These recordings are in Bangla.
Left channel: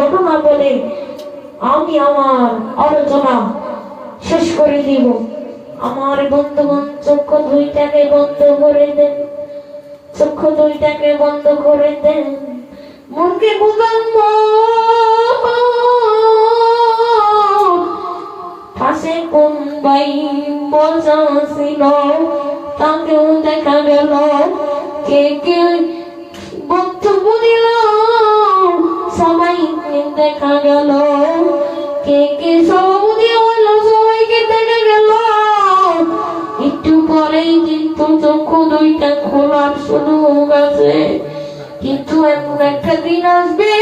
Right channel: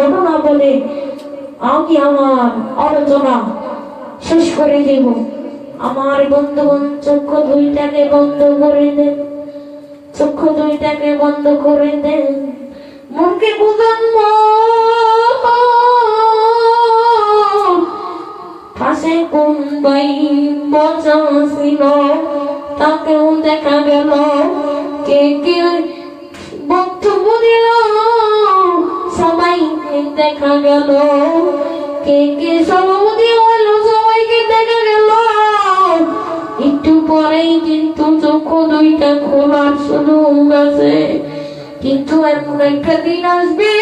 ঘটনা বলে আমি আমার আলোচনা শেষ করে দিব। আমার বন্ধুগণ চক্ষু দুইটাকে বন্ধ করে দেন, চক্ষু দুইটাকে বন্ধ করে দেন, মনকে বুঝান পাশে কোন ভাই বসা ছিল তাকেও দেখা গেল, কে কে বক্তব্য দিল সবাই দেখা গেল, কে কে সভাপতি হলো সবাইকে দেখা গেল। একটু পরেই কিন্তু চক্ষু দুইটা খোলার সুযোগ আছে, কিন্তু এমন একটা দিন আসবে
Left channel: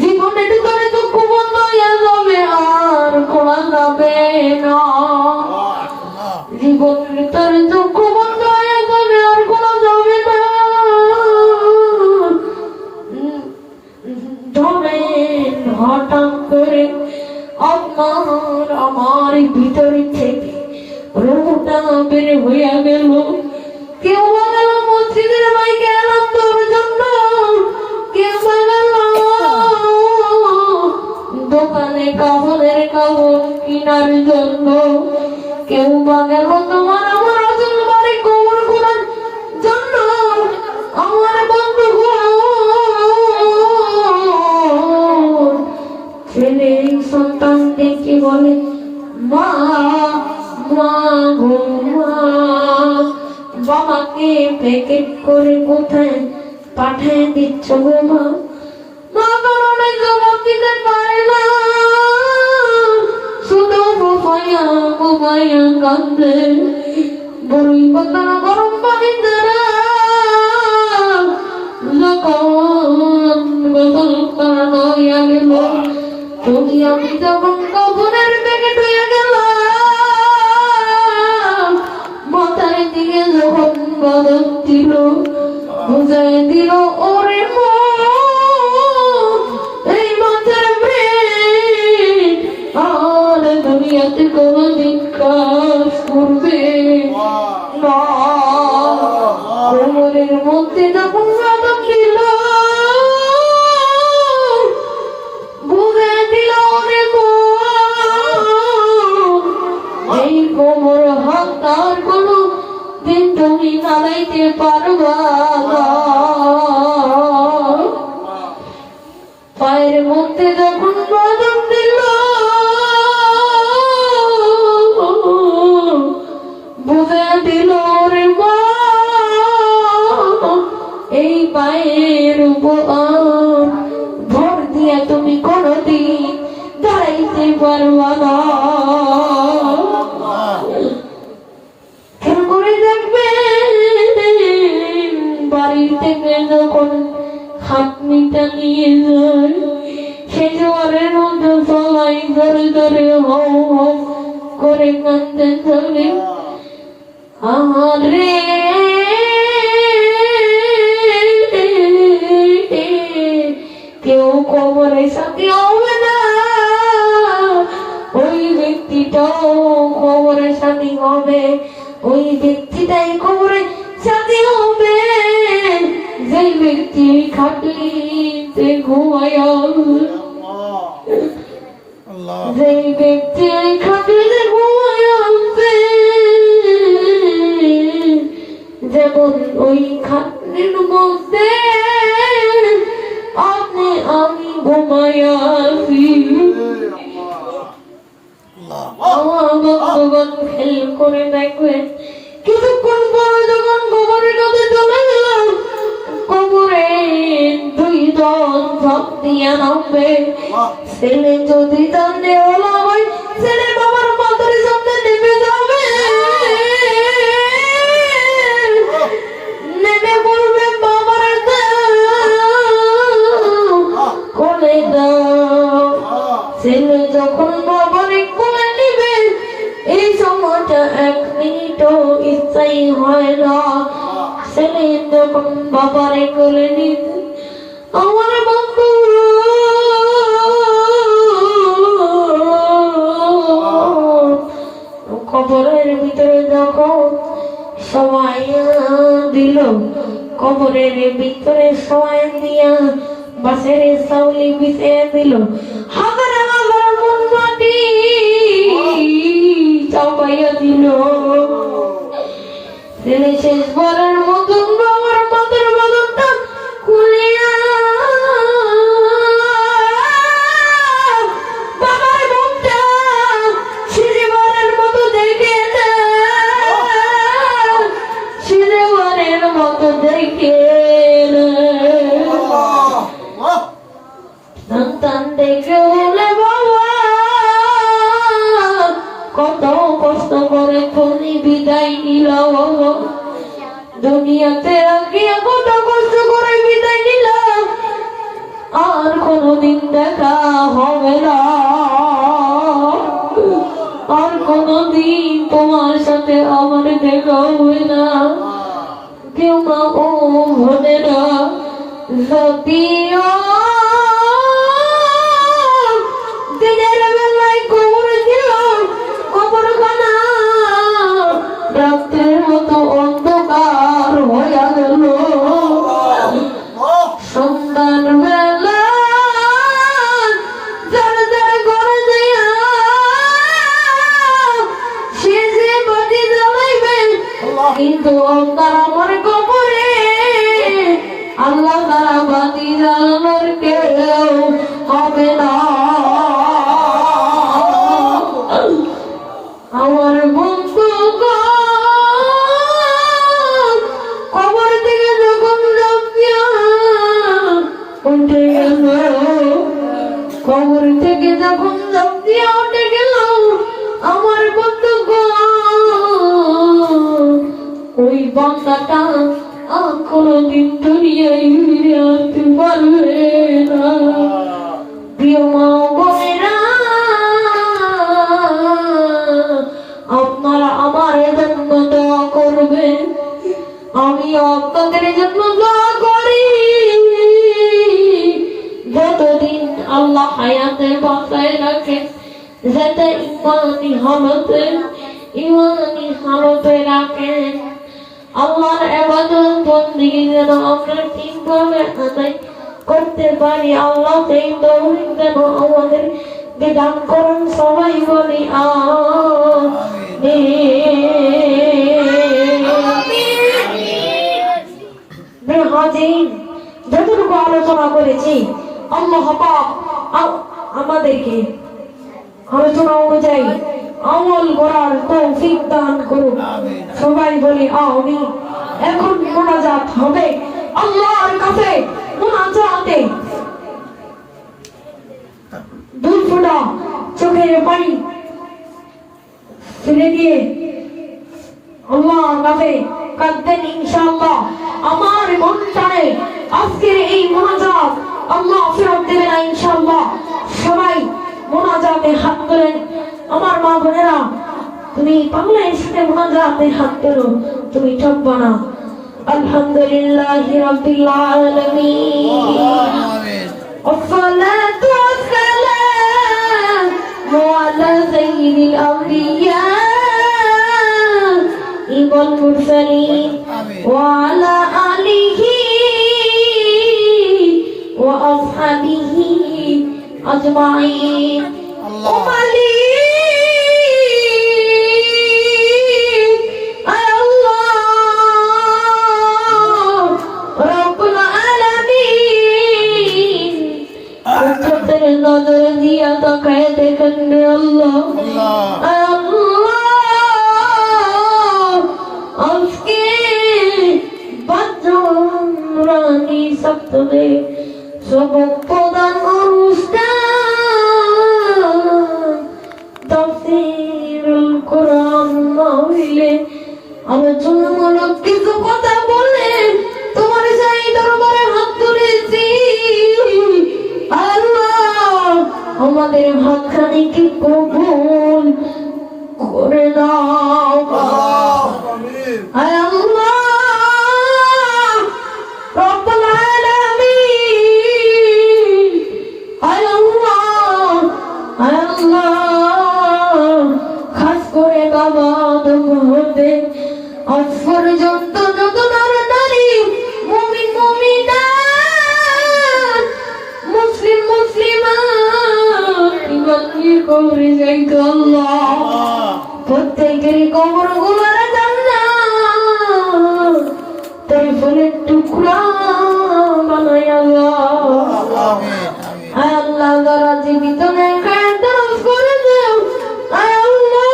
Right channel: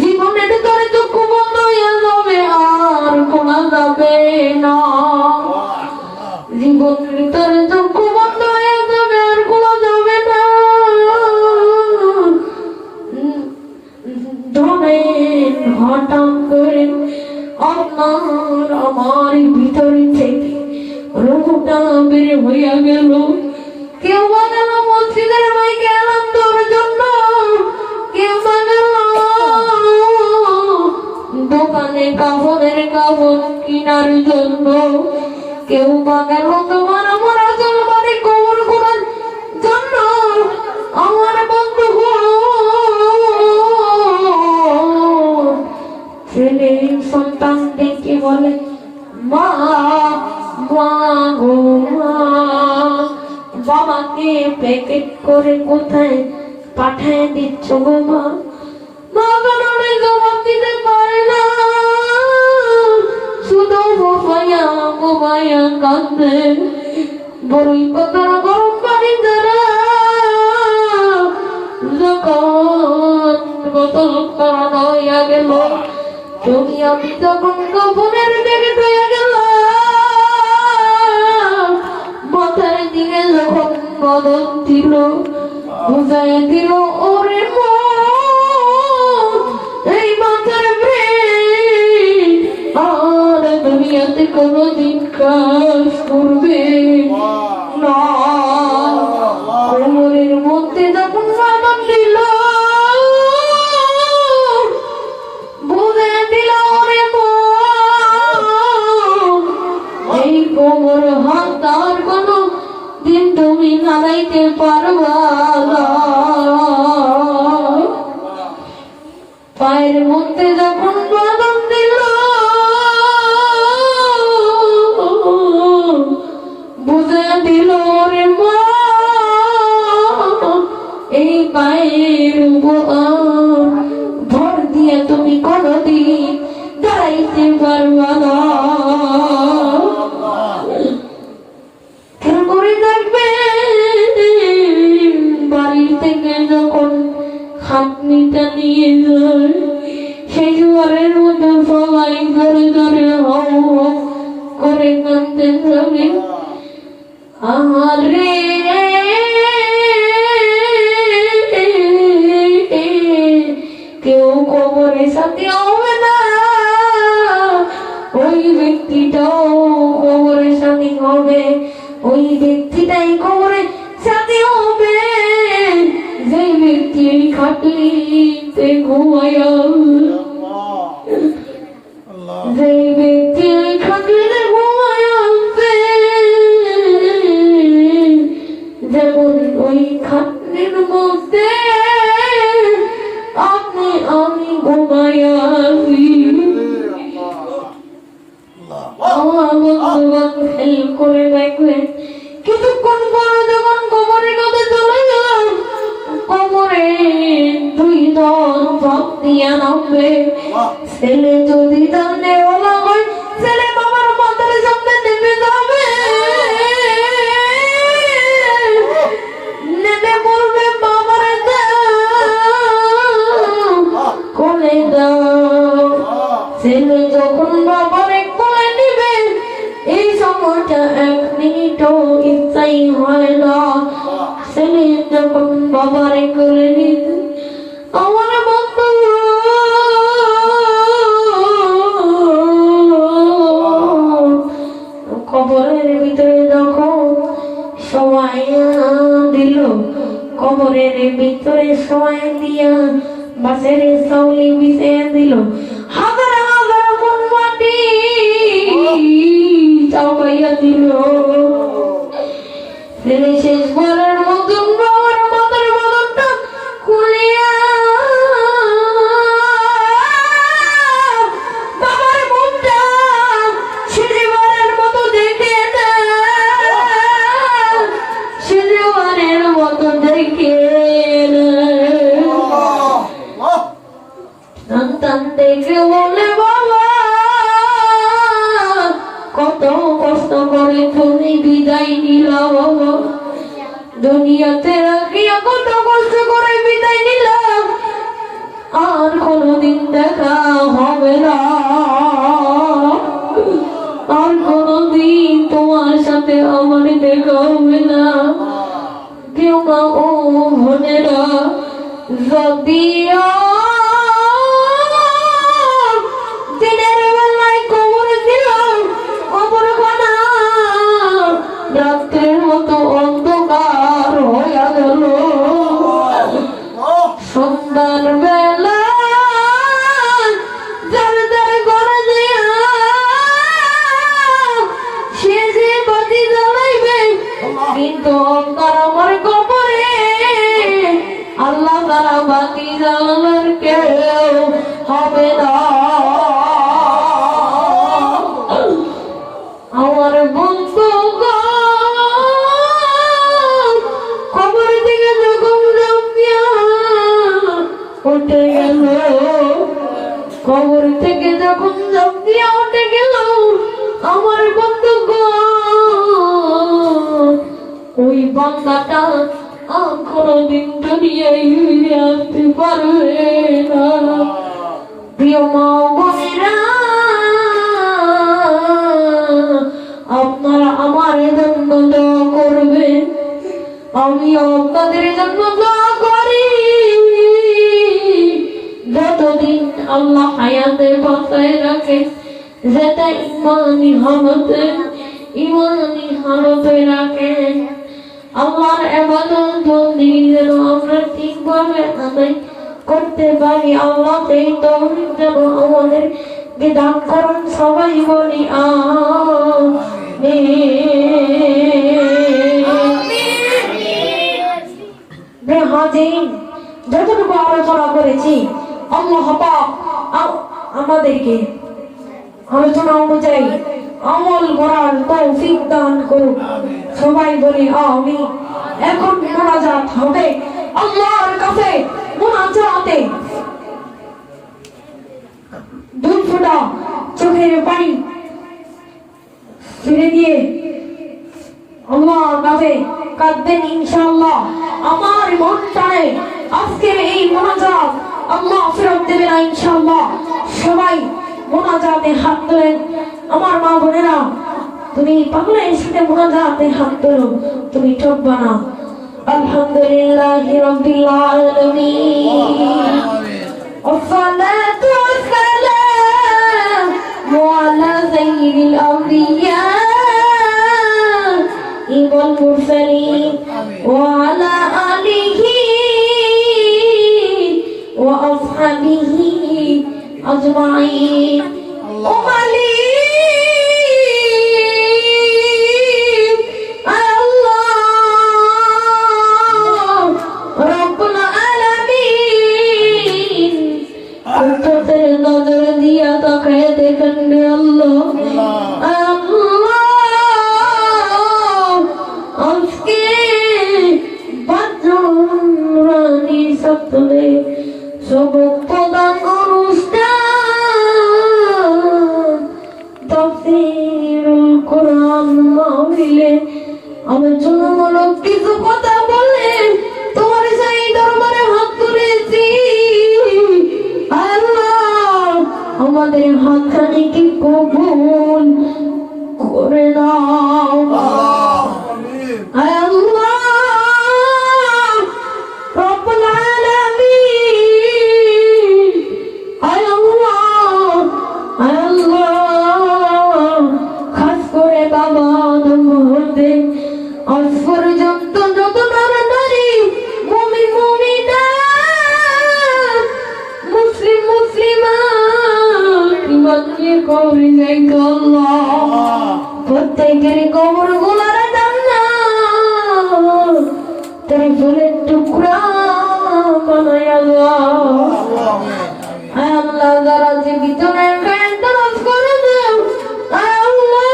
জীবনের ভিতরে চক্ষু বন্ধ হয়ে যাবে, আর খোলা যাবে না। জীবনের ভিতরে চক্ষু বন্ধ হয়ে যাবে, আর খোলা যাবে না। ধরেন হঠাৎ করে আপনার আমার ভিতর থেকে রূপটা বের হইয়া গেল। কেউ বা গেল মসজিদের মাইকে আনন্দের জন্য, কেউ বা গেল দোকানে কাপড়ের কাপড় কেনার জন্য, কেউ বা গেল তোমার আমার আসল বাড়ি কবর করার জন্য। আমার বন্ধু ছেলে সন্তান দেখে বলে মা মা গো মা, বাবাকে প্যাকেট করে কোথায় পাঠায় দিচ্ছ গো মা? মা কারণে জবাব দিতে পারে না, শুধু বোবাইয়া বোবাইয়া কাঁদে। বড়ই পাতার গরম পানি দ্বারা যখন বোতল করা হইয়া গেল, তুমি আমি যখন কাপড়ের প্যাকেট হইয়া গেল, মাথার দিকে যখন বদল দিল, বুঝাই দিল ওরে এই মাথার আর দুনিয়াতে কোনদিন কাজ করবে না। কোমরের মধ্যে যখন বদল দিল, বুঝে দিল ওরে এই কোমর হাত আর কোনো দিন তুমি নাড়াইতে পারবা না। পায়ের মধ্যে যখন বদল দিল, বুঝে দিল রে মা এই পায়ের উপর ভর দিয়ে তুমি কোনদিন দাঁড়াইতে পারবা না। বাড়ির থেকে যখন খাটনিটা নিয়ে যায়, সেই জোয়ারের মধ্যে সবাই ধরে ধরে হও হও করে কাঁদতে থাকে। আরে কেউ কবরের সাথে হবে না, ওই ব্যক্তিটাও কবরের সাথে হবে, ওই ব্যক্তিটাই কবরের সাথে হবে যে ব্যক্তি খাটলিতে ঘুমায়া, যে ব্যক্তি খাটলিতে ঘুমায়া উঠবে, যেমন ওই খাটলির মধ্যে আপনি আমি ঘুমায়া আছি। আমার বন্ধুগণ খেয়াল করে দেখবেন, কিছুক্ষণ পর যখন কবরের কাছে চলে গেলাম, কবরে দুই দল ঝাঁপ দিয়া নামবে। ছেলে যদি জানলে ওলা হয়, ছেলে বাবার মাথার সামনে নেমে যাবে, নেমে বলবে বাবার কোলে দাও। ছেলে যখন বাবার কোলে নিবে, এই সময়টা 1 মিনিটও ইচ্ছাই হয় না। ছেলে যখন বাবারে কোলে নিবে, আমার বন্ধু কবরের ভিতরে যখন সবাই দিল, কবরের ভিতরে সবাই দিয়া বাসের সাউলি বিছিয়ে দিল হাজার হাজার মন মাটি চাপাইয়া দিল ছেলে শেষবারের মতন বাবার মাথার বদনটা খুলিয়া বাবার মুখটা শেষবারের মতো দেখে শেষবারের মতো দেখে সন্তান দেখে বলে বাবা কত কষ্ট করে তুমি বিদায় নিল বাবা দুনিয়াতে রাখিয়া কত কষ্ট করে বিদায় নিলাম আর কোনদিন দেখা হবে না আর কোনদিন তোমার সাথে আমার দেখা হবে না কেউ মা ও বোনেরা যদি দিনের বেলায় কবর দিলাম কবরখানা রাত্রের মতো অন্ধকার হইয়া গেল সন্ধ্যার বেলা যার যার ঘরে দিয়া সে যে বাতি জ্বালাইবে কিন্তু তার আমার কবরে আল্লাহ তারা বাতি জ্বালানোর কেউ হবে না আমার বন্ধু কবর থেকে যখন উঠে গেল কবর থেকে যখন জাপিয়া উঠে গেল আমার বন্ধু ওই বান্দাটা আর কোনদিন দুনিয়ায় ফিরে আসতে পারবে না প্রিয় মা বোনেরা আপনারা আমার জন্য দোয়া করবেন আমি আপনাদের জন্য দোয়া করি যতদিন আল্লাহ হায়াতে বাঁচায় রাখে যাতে ইমানি হালতে রাখেন আল্লাহর ইবাদত বন্দেগী যেন আমরা ঠিকভাবে আদায় করতে পারি আল্লাহ সেই তৌফিক যেন আমাদের দান করুন সবাই বলি আমিন যতটুকু আলোচনা করেছি আল্লাহ পাক আমাদেরকে আলোচনা অনুযায়ী আমল করার তৌফিক দান করুন সবাই বলি আমিন এখন মোনাজাত হবে আল্লাহর কাছে মোনাজাতে দুই ফোঁটা চোখের পানি ফিরে দিয়ে আল্লাহর কাছে কাঁদবেন ইনশাআল্লাহ আমার মনটারে আজকের এই মোনাজাত আল্লাহ ফেরত দেবে না ইনশাআল্লাহ সবাই মোনাজাতে হাত তোলেন আমার মা বোনেরা তুমি পাগলের সাথে মোনাজাতে হাত তোলো তুমি ঠকবা না আলহামদুলিল্লাহি রাব্বিল আলামিন والصلاة والسلام على سيد الأنبياء والمرسلين وعلى آله وأصحابه أجمعين নজর দিয়া তাকায় দেখেন রে আল্লাহ আজকে রানী সপ্তমে সবক প্রদান অনুষ্ঠান তাফসীরুল কোরআন মাহফিলে আলোচনামূলক কিছু কথা বলে তোমার সেই দরবারে হাত তুলেছি আমাদের হাতখানি কি কবুল করে নাও আল্লাহ রব্বুল আলামিন तेरे कमर गुलारा जाना तेरे फूले टुकड़ा बनाया अल्लाह जरा जीवित में कायम तरफ कर दे अल्लाह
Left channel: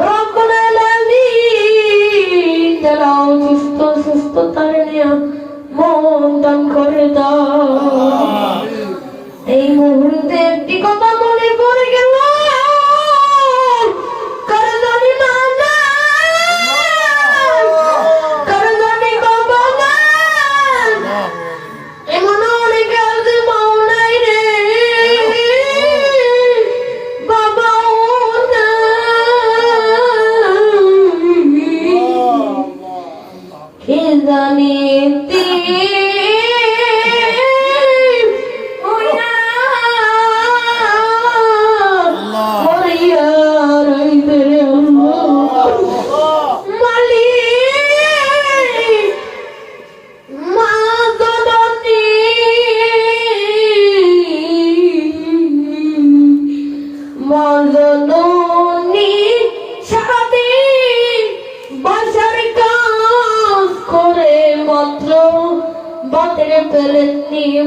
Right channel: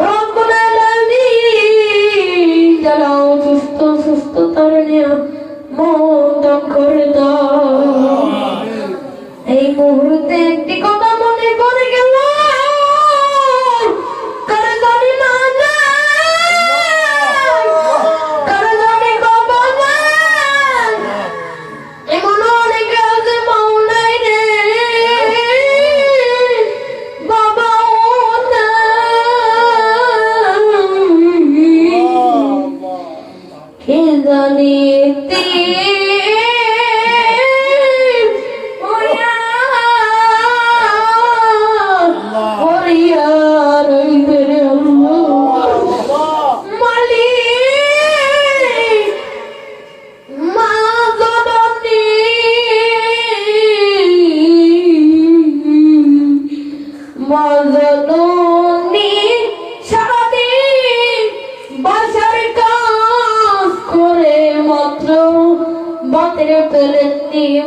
रब्बुल आलामीन चलाओ सुस्त सुस्त तारे मोदम कर दाओ এই মুহূর্তে একটি কথা মনে পড়ে গেল কার জানি মা কার জানি বাবা এমন অনেক আছে মাও নাই রে বাবাও নাই কে জানি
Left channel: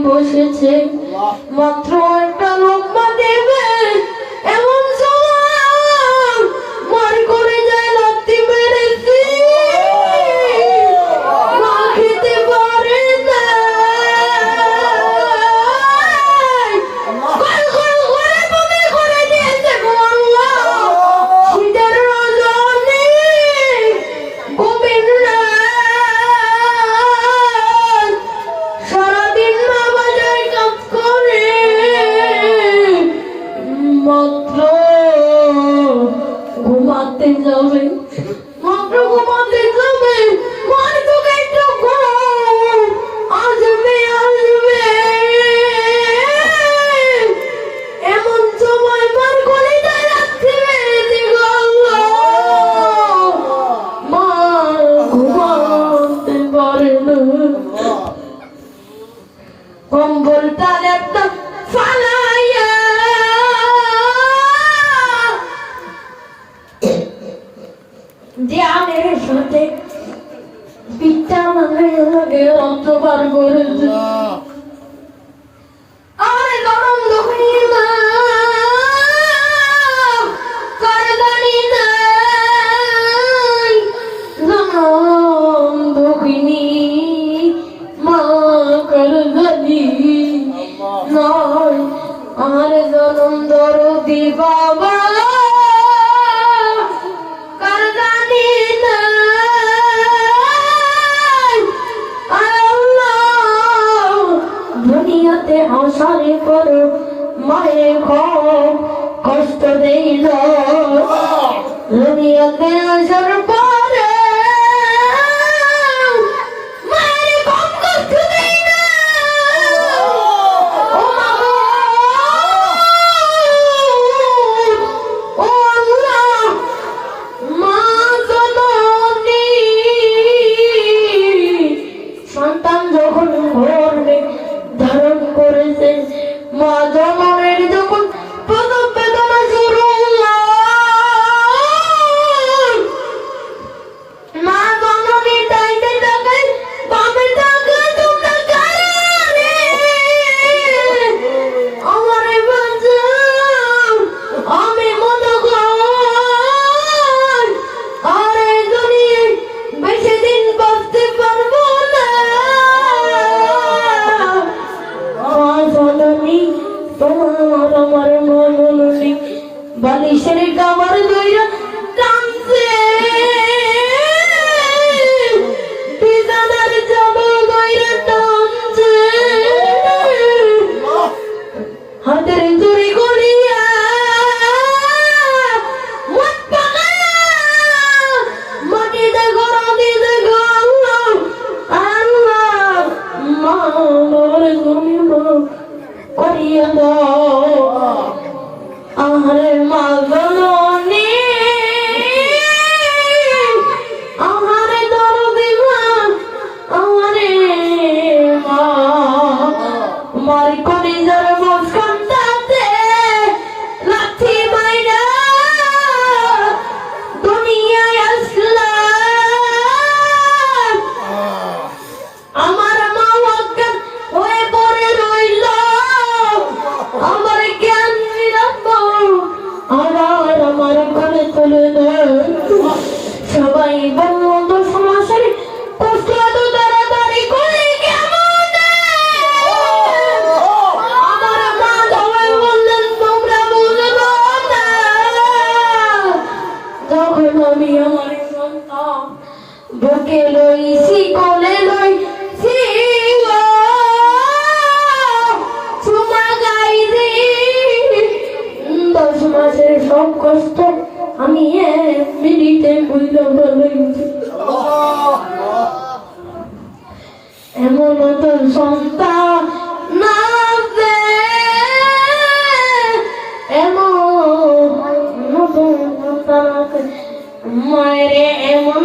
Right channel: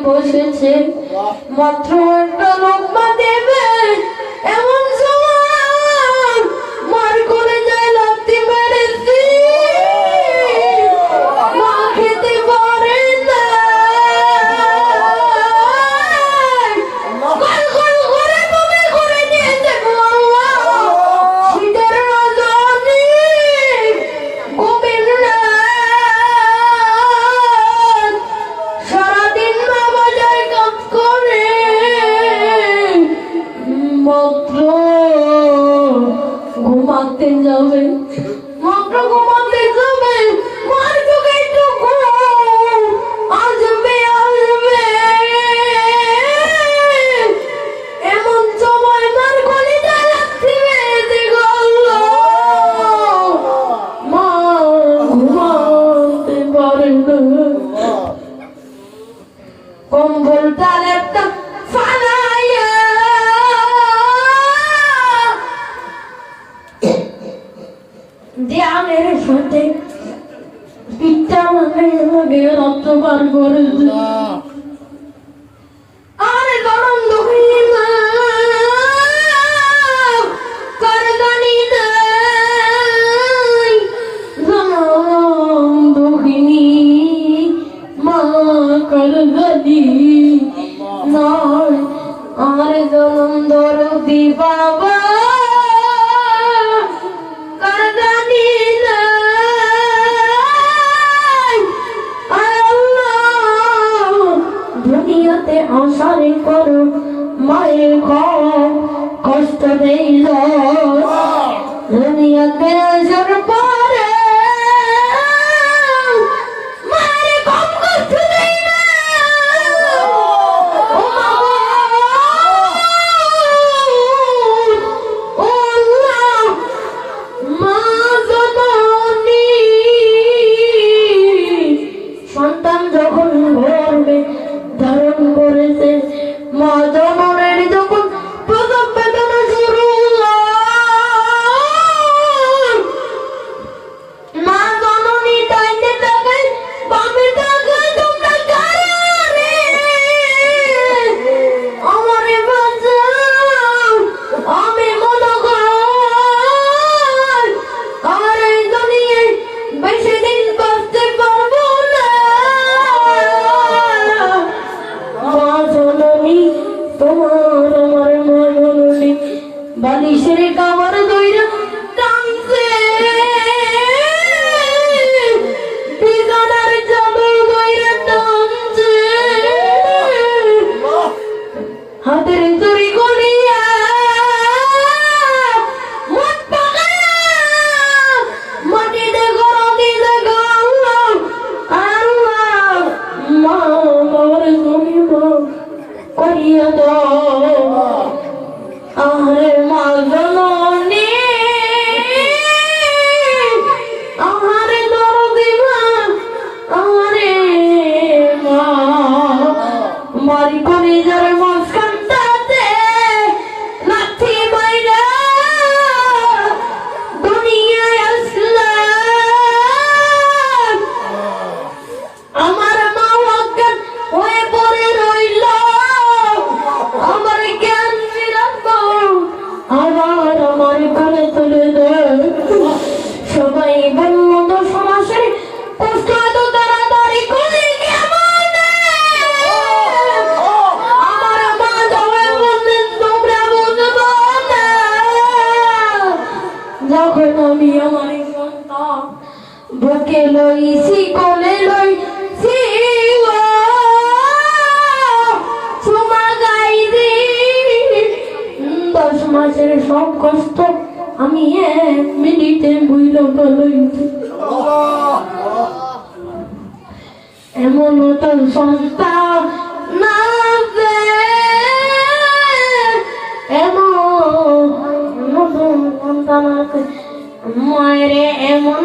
বসেছে মাত্র একটা লম্বা দেবে এমন সময় মার করে যায় লাত্তি মেরেছি মা খেতে পারে না করে দিয়েছে শীতের রজনী গোবিন্দ সারাদিন মা বাজারে কাজ করে মাত্র ঘুমাতে যাবে মাত্র ঘুমাতে যাবে মার চোখে একটু ঘুম আসবে আসবে এমন সময় মার কলিজা যাচ্ছে মা ঘুমাতে পারে না কম্বল তার একটা ফালাইয়া ধ্যানের সাথে পিতা লাগে রক্ত বার করেছে আর গরম দুঃখী মা করদানি নাই গরম দুঃখিনী মা করদানি নয় আর জনম দরদি বাবা করদানি নাই আল্লাহ দুনিয়াতে আসারে করো মায়ের কষ্ট দেই না দুনিয়াতে আসার পরে মায়ের কম কষ্ট দেই না সন্তান যখন গর্ভে ধারণ করেছে মা জননের যখন প্রথম বেদনা শুরু মা জননী ডাইতে থাকে বামে থাকে তোমরা কারে আমারে বাঁচাও আমি মনে কর আর এই দুনিয়ায় বেশি দিন করতে পারবো না তোমার আমার মননি বালিশের কামার দইরা টানছে বিছানার চাদর দইরা টানছে হাতের চুরি করিয়া মত পাগায়া মাটিতে গড়া দিলে আল্লাহ আল্লাহ মা মোর শুনিব করিয়া দাও আরে মা জননী আরে দরদি মা আরে মা মারি কলিজার মাঝখানটাতে লাথি মাইরা কষ্ট আমি 1 মিনিটে বইল ফেলাইছি। এমন তো সন্তান না যে এমন সন্তান আছে মায়েরে এমন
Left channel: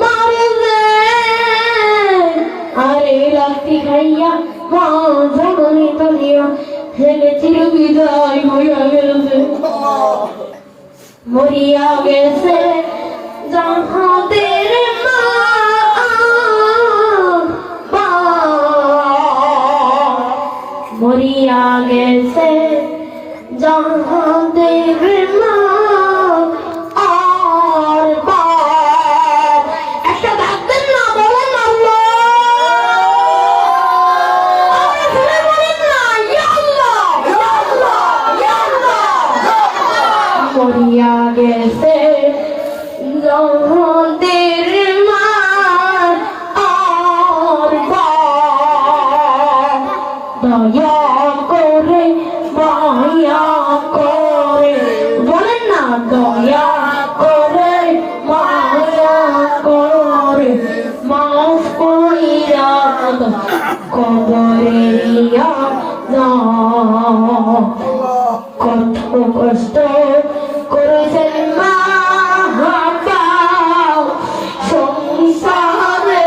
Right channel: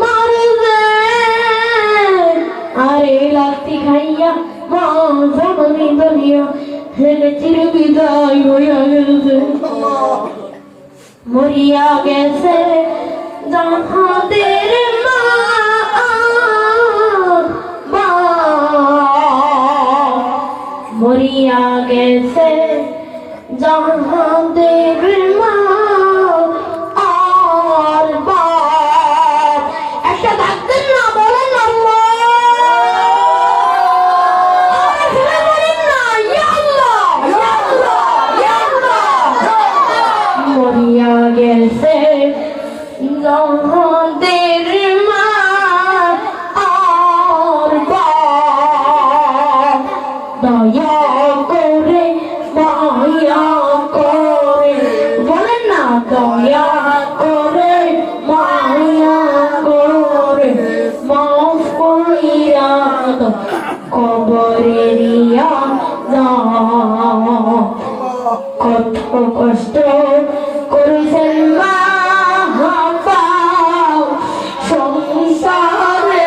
মারবে আরে লাস্তি খাইয়া মা জননী দুনিয়া ছেলে চির বিদায় হইয়া গেছে মরিয়া গেছে জাহাদের মা মরিয়া গেছে জাহাদের মা আর বাপ একটা ডাকতেন না বলেন না মরিয়া গেছে জাহাদের মা আর বাপ দয়া করে মায়া করে বলেন না দয়া করে মায়া করে মাফ কইরা কবরে নিয়া যাও কত কষ্ট করেছেন মা বাপ সংসারে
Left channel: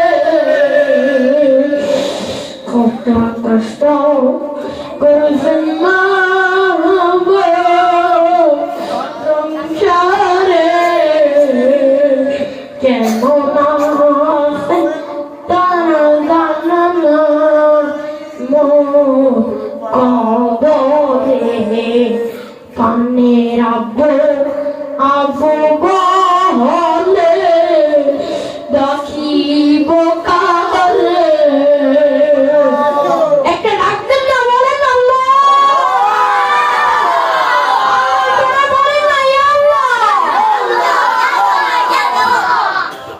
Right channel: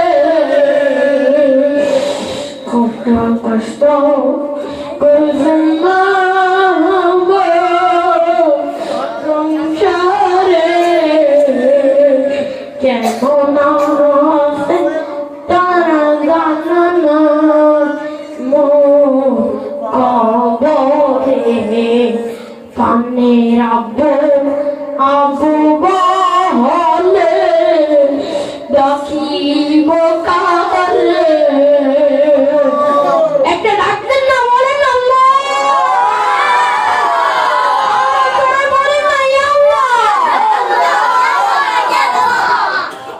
কত কষ্ট করেছেন মা বাপ সংসারে কেমন আছে তারা জানা না কবরে পানের আবু বলে দেখিব কালে একটা ডাকতেন না বলেন আল্লাহ বলেন না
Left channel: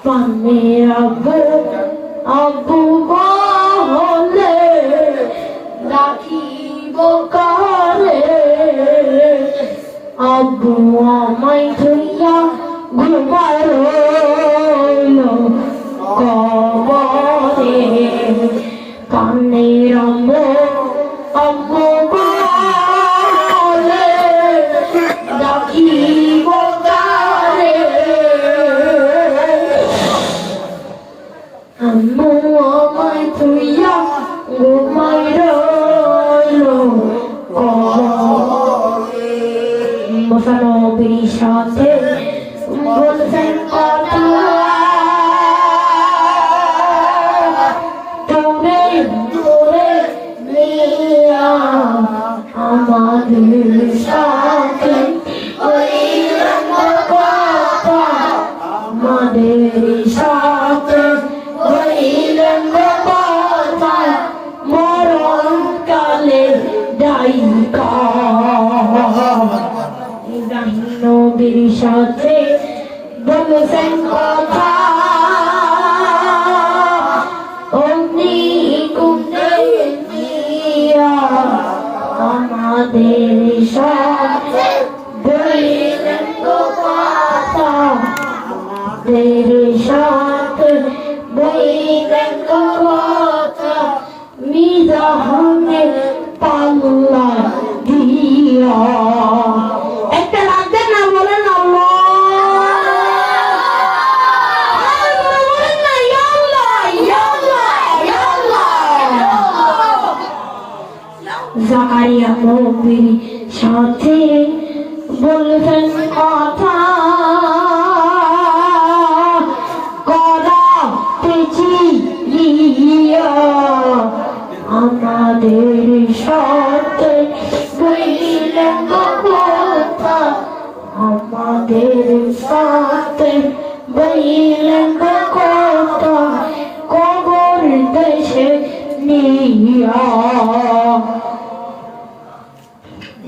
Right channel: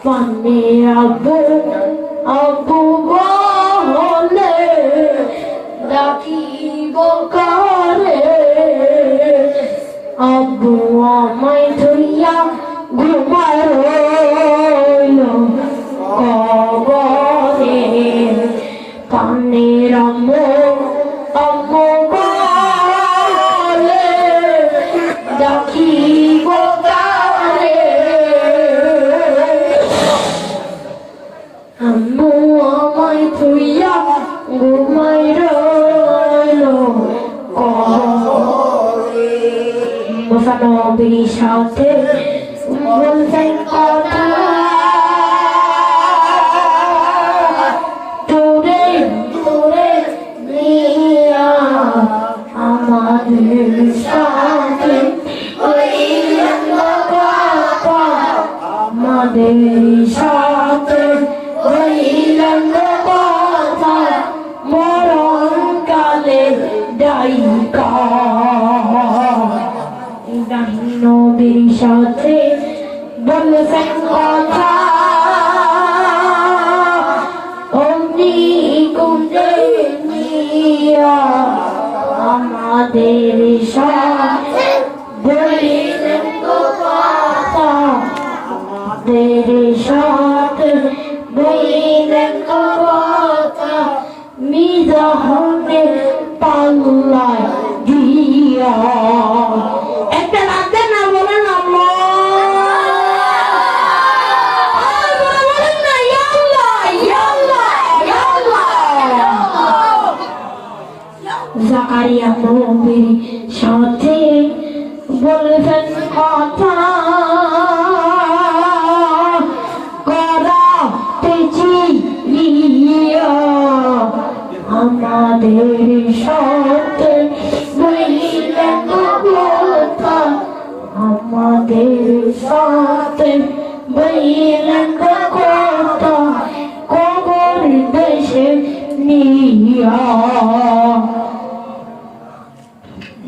পানের আবু বলে দেখিব কালে আব্বু আমায় ধরিয়া ঘুমার কবরে পানের আম্মু বলে দেখিব কালে আম্মু আমায় ধরিয়া ঘুমায় নবীর সাথে বলছেন কথা তোরে তোরে নিয়া আমাদের সাথে আমাদের সাথে কথা মরণ কালে ডাইকা নবীর সাথে বলছেন কথা অগ্নি কুণ্ডে নিয়া আমাদের সাথে বলছেন কথা আমাদের সাথে বলছেন কথা মিজানে পাল্লা দিয়া জাকারিয়া নবীর সাথে বলছেন কথা করাতেছি আমাদের সাথে বললেন কথা আমাদের সাথে বললেন কথা কবর দেশে নিয়া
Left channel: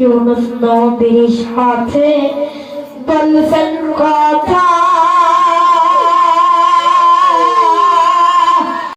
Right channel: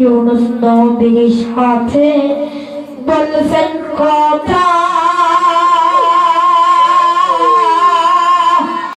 ইউনুস নবীর সাথে বলছেন কথা